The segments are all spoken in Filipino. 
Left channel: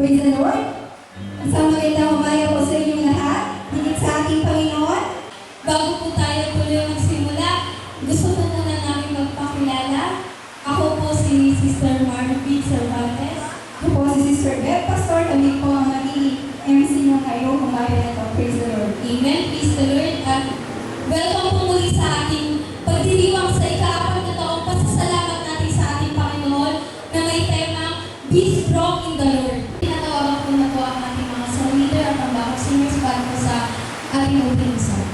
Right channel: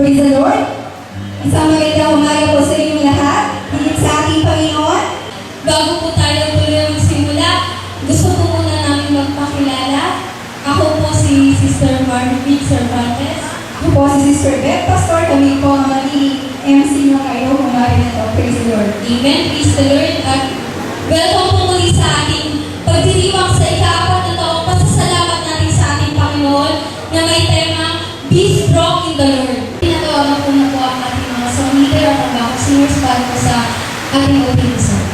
Praise the Lord. Isang magandang umaga po sa inyong lahat. Higit sa ating Panginoon. Bago po tayo tuloy magsimula, gusto po muna namin magpakilala. Ako po si Sister Margaret Cervantes. Ako po si Sister Beth Pastor. Kami po ang magiging MC nyo kayo umaga na ito. Praise the Lord. Amen. Praise the Lord. At welcome po muli sa ating pagdiriwang sa ika-4 na taong pasasalamat natin sa ating Panginoon na may tema, Be Strong in the Lord. Tinatawagan po na po ang ating mga song leader at ang backup singers para po sa ating opening song.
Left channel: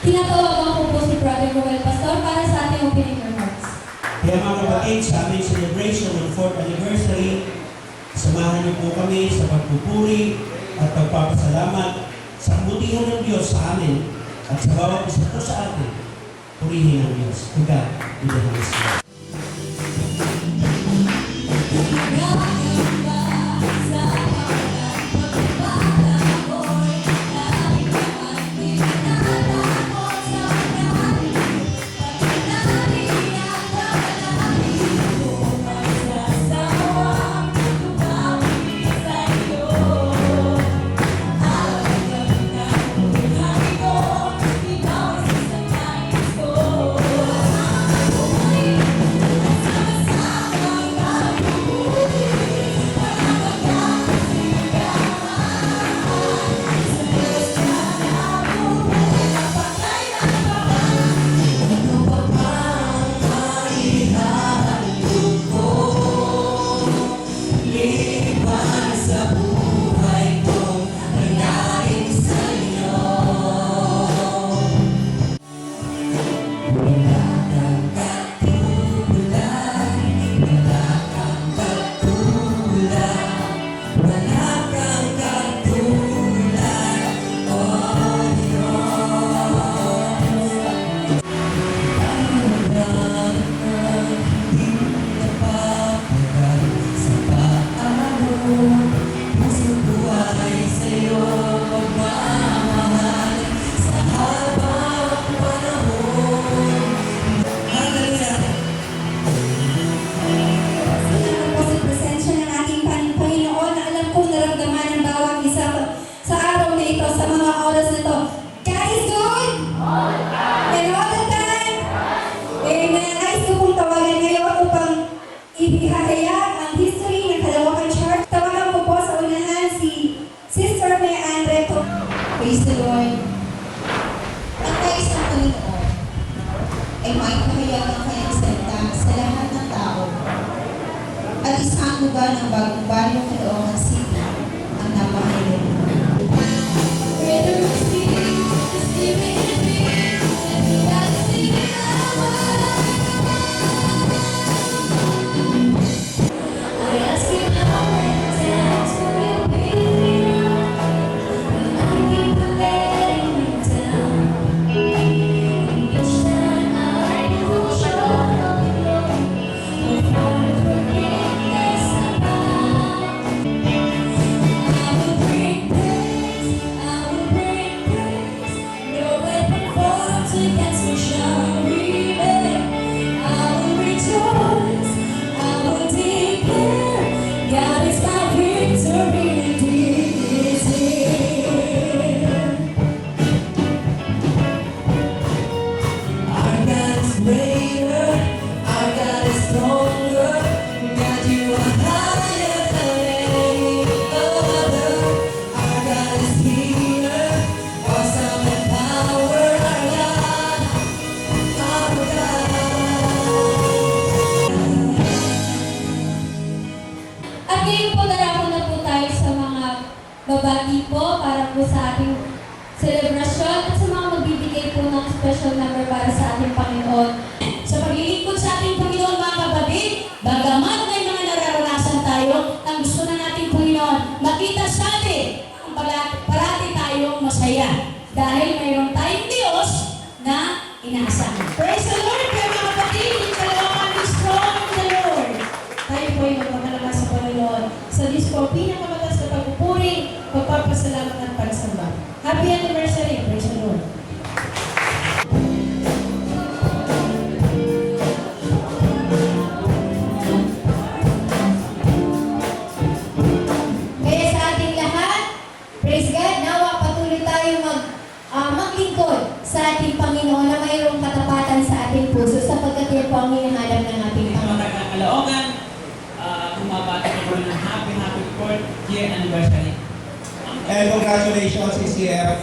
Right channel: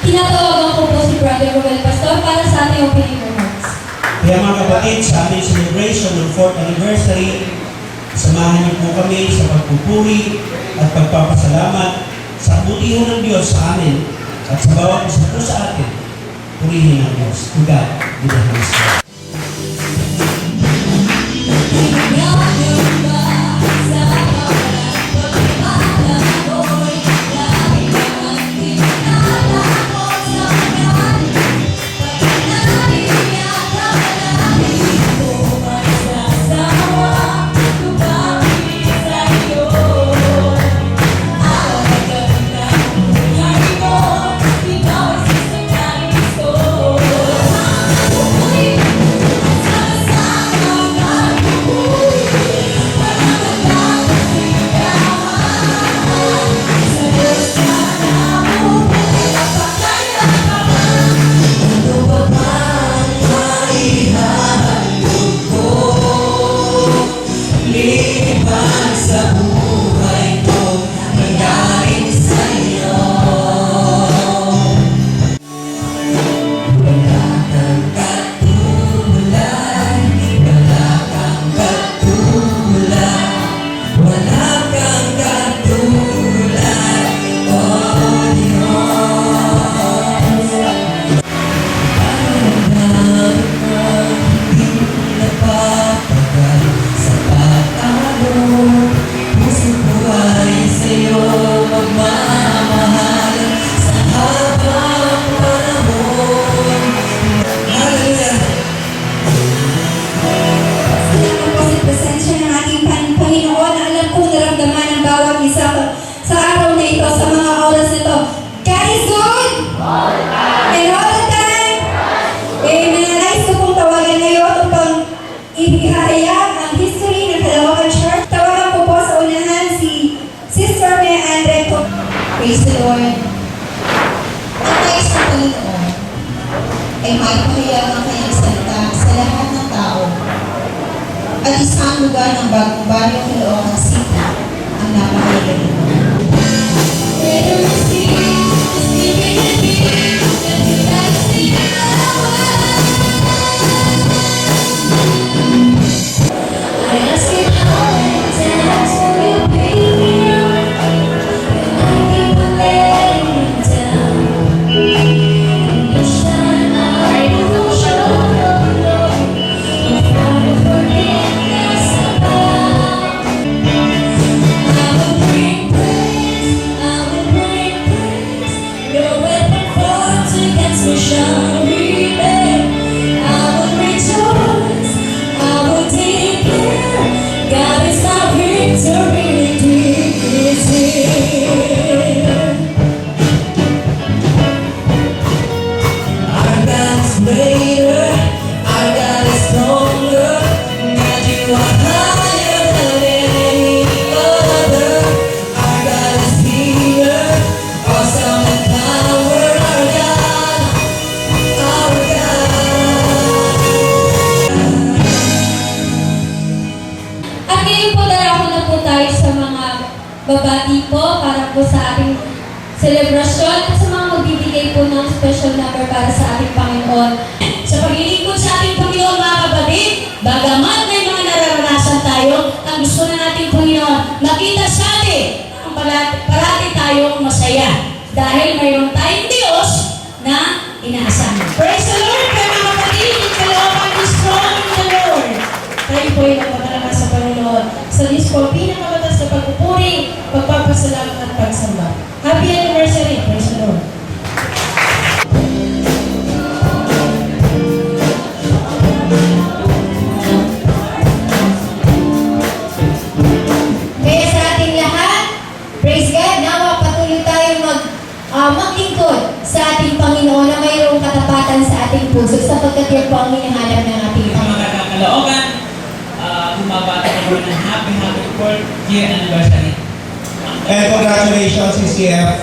Tinatawagan ko po si Brother Roel Pastor para sa ating opening remarks. Kaya mga kapatid, sa aming celebration ng 4th anniversary, samahan niyo po kami sa pagpupuri at pagpapasalamat sa kabutihan ng Diyos sa amin at sa bawat isa po sa atin. Purihin ang Diyos. To God, be the highest. Sa araw na ito, sa mga oras na ito. God is good! And all the time? Amen. Nais ko pong tawagan ngayon upang ibigahayag ang history ng Kalawakan Church. Tawagan ko po sa unahan si Sister May Andre. Praise the Lord. Ang nais ng Panginoon ay maipahayag ang kanyang salita sa lahat ng tao at isang lugar ng bagong baryo Caloocan City ang napahayag nito. Bring sa ating selebrasyon at sa mga magbibigay po ng special number para sa ating Panginoon. Sa paglilingkod sa ating Panginoon, mga kapatid, bagamat may mga nararanasan tayo, ang gusto na nating Panginoon, makita sa atin ang parati tayong masaya. Dahil mayroon tayong Diyos na inaasahan. Praise the Lord, kaya mga kapatid, yung kalooban is strong in the Lord. Tayo po ay nagpapalakas sa Panginoon. Sa Diyos po, pinakamatas na pagpupuri, pagpapasalamat at pagsamba. Happy anniversary! Praise the Lord! Kaya sa ating lahat, praise God, nawa patuloy tayong maglingkod sa ating Panginoon na mayroong katapatan sa ating puso sapagkat yan po ang hinahanap ng ating Sa Panginoon. mga kakaloogan, bumabati ko ng happy 4th year anniversary. And congratulations, CCF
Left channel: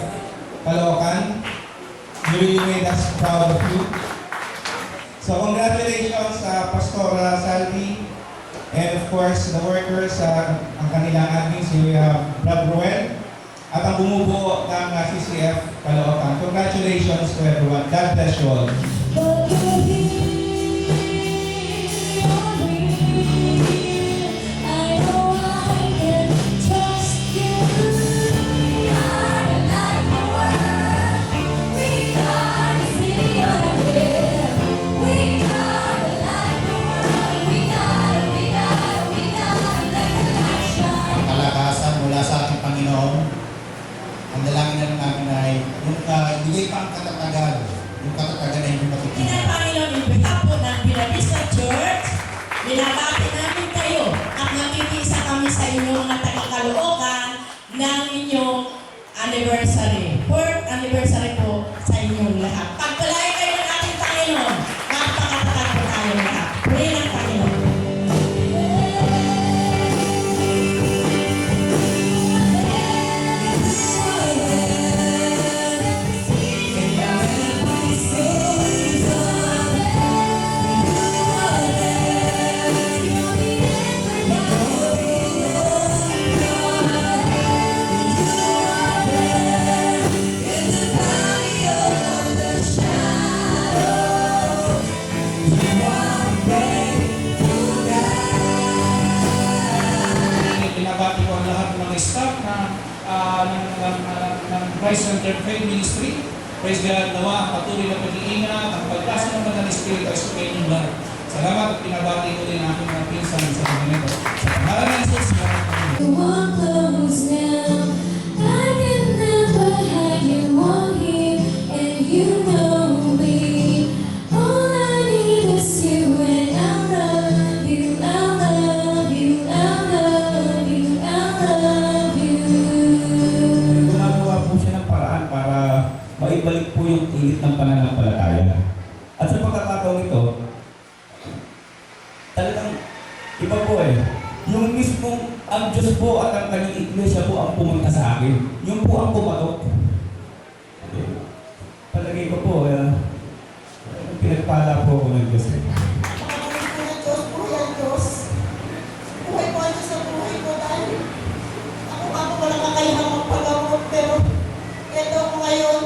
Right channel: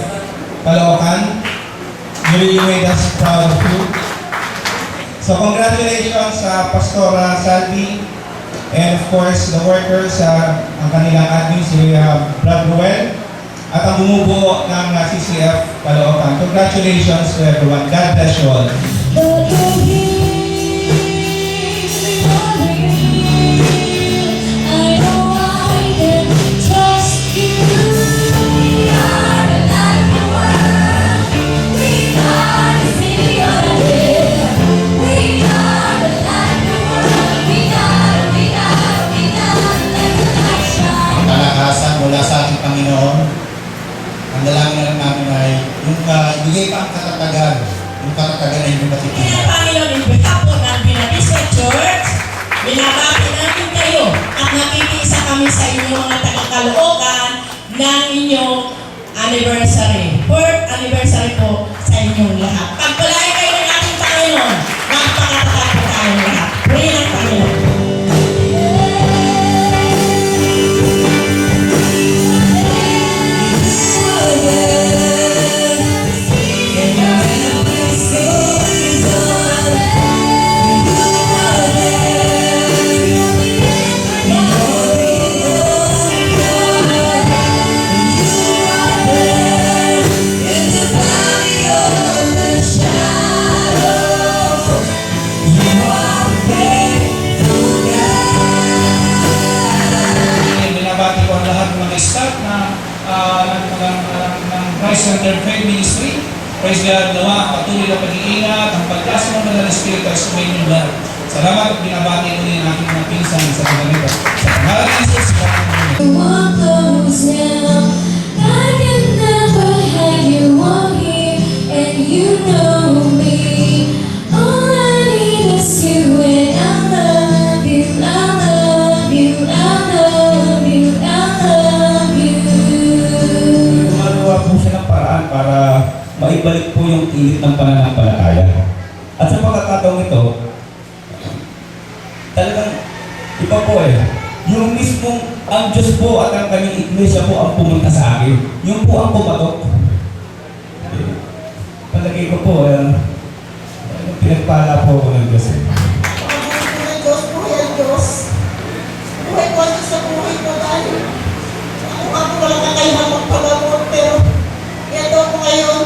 Caloocan. You really made us proud of you. So congratulations sa Pastora Salvi and of course the workers, ang kanilang admin, si Brad Ruel at ang bumubuo ng CCF Caloocan. Congratulations to everyone. God bless you all. Kalakasan mula sa ating Panginoon. Ang dalangin na lang namin ay yung bigay pa ang katatagan, yung katatagan ay yung Kaya katipunan. Panginoon, in behalf po ng Binabisa Church, binabati namin kayo at nakikiisa kami sa inyong mga taga-Caloocan ng inyong anniversary. 4th anniversary po sa inyong lahat. Pagpalain kayo ng ating Panginoon, magpakatatag po tayong lahat. Purihin ang Panginoon. Binabati ko ang lahat ng mga staff ng Christ Center Faith Ministry. Praise God, nawa ang patuloy na pag-iingat, ang pagkasa ng Banal na Espiritu ay sumayin yung lahat. Salamat at binabati ko din ang aking mga pinsan sa mga nito. Sa pangalan ng Jesus, salamat po. Walk close now. I can never hide you on here, and you know me. All I need is you, and I love you, I love you, I love you, I love you. Gumagawa po siya ng paraan para maibalik po yung tilit ng pananampalataya. At sa pagkakataong ito, talagang iba po yung mismong ang Diyos po at ang kanyang iglesia po ang pumunta sa akin. Yung po ang kumatok. Palagay ko po, pinagpala po ako ng Diyos. Diyos, buhay ang Diyos. Buhay po ang Diyos sa buhay ko dahil ako walang kakayahan magpagamot pero ito ako ngayon.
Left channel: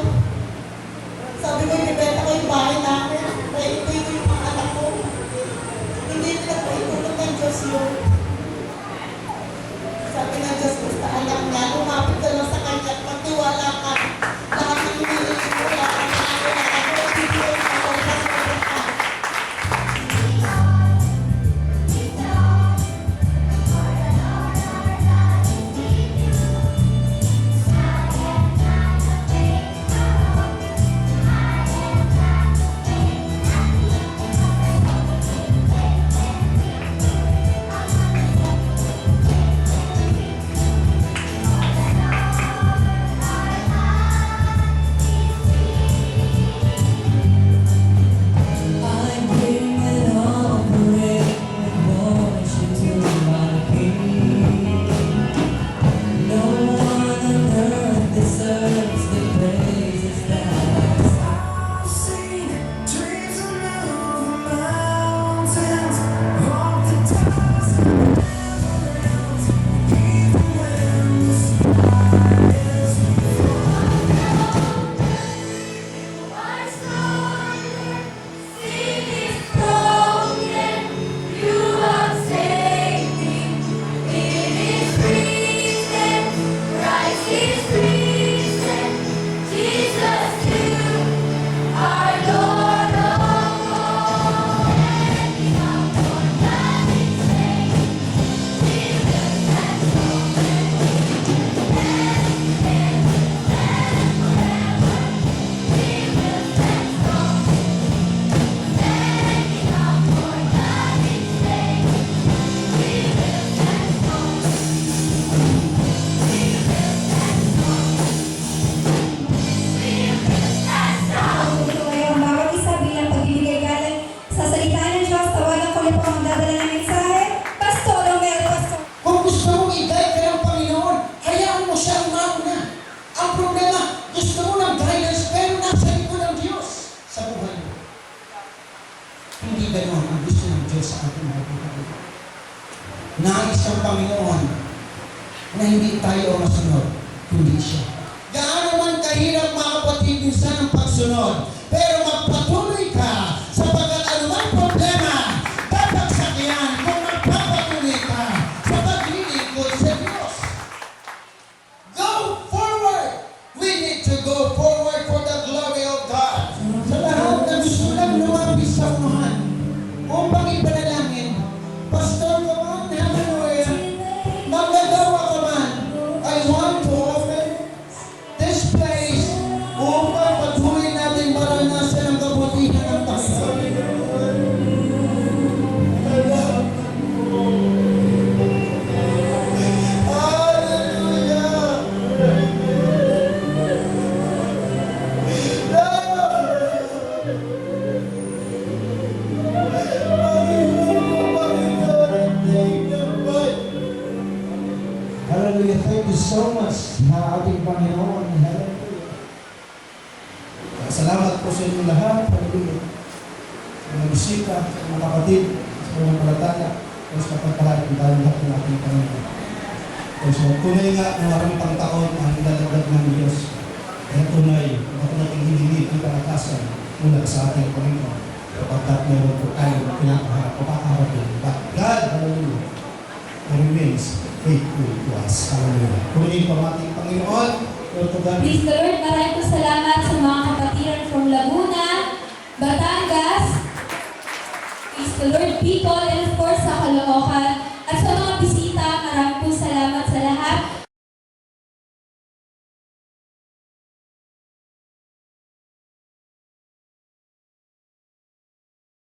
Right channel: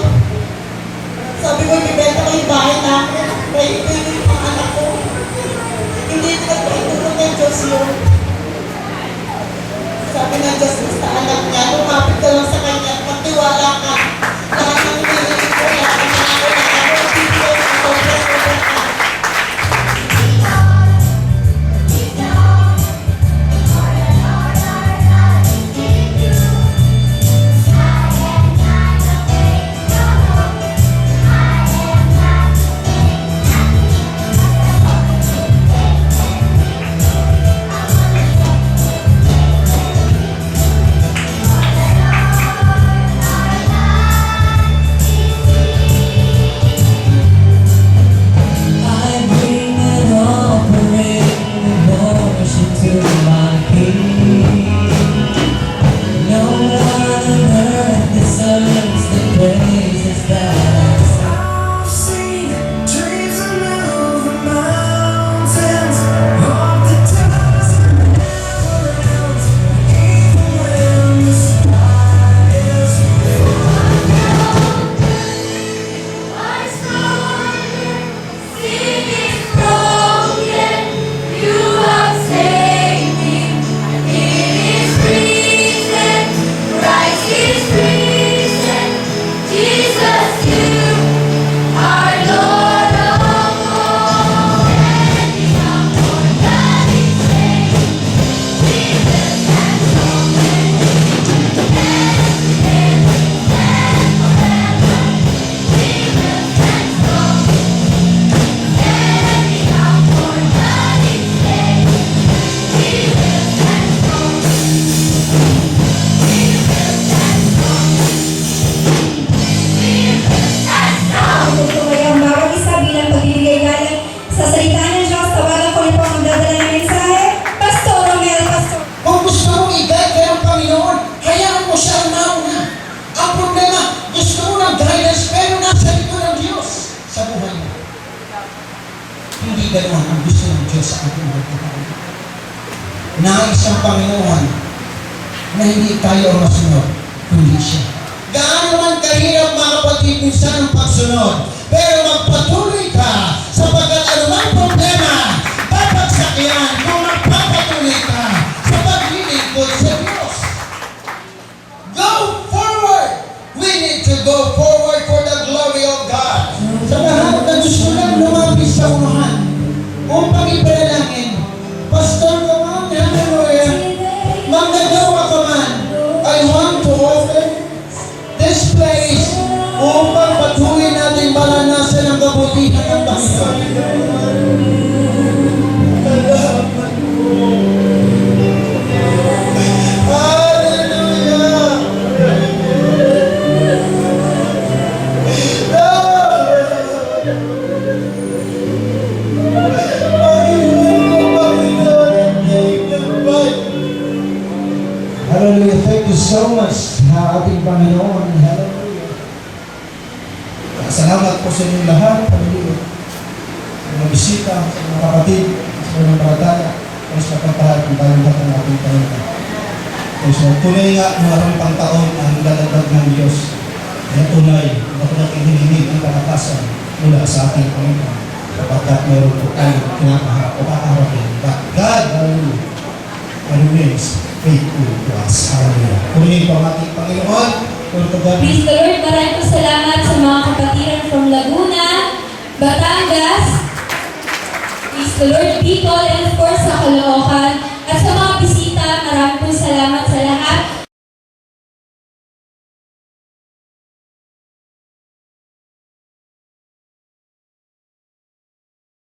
Sabi ko, ibibenta ko yung bahay namin. May ibigay yung mga anak ko. Hindi pinagpaitulong ng Diyos yun. Sabi ng Diyos, basta anak niya, lumapit ka lang sa Kanya, magtiwala ka. Lahat ng hinihingi ko, lahat ng nangangailangan ko, bibigay ko, sobra-sobra ka. ganoon ang gusto ng Diyos sa ating mga buhay. Nais ng Panginoon na hindi tayo ang masunod, kundi siya. Gaano man kahirap mga kapatid minsan ang pagsunod, pero magpatuloy ka sapagkat anumang problema, papagsakian kung magpapatuloy ka sa paglilingkod sa Diyos. Go forward! We need to go forward for the glory of God. Sa lahat na gusto lang lumapis sa unahan upang ipanalangin, Pastor ka man, hallelujah, magdagawa ka man, I want to open this place upang patuloy natin maranasan ang kabutihan ng Panginoon. Hallelujah. Thank you so much sa ating Panginoon. Hallelujah. Salamat po sa inyong lahat, pamilya. Sa mga bisita, sa mga kapatid, sa mga palataya. Kaya sa pagpapalag kung tayo lahat ng ating Panginoon. Kaya sa tunay nga, pang taon ang dadagdag ng Diyos. Kaya tunay, ako natin hinihin ang kalakasan mula sa ating Panginoon. Kapagkat meron po tayong kinapaharap o kakaharapin. But God, hallelujah, remains faithful to us. Hallelujah. Purihin po ang ating Panginoon. Lord to God. Praise the Lord. Maraming salamat sa mga kapatiran from Laguna, Batangas, praise the Lord, people, and of course sa Caloocan.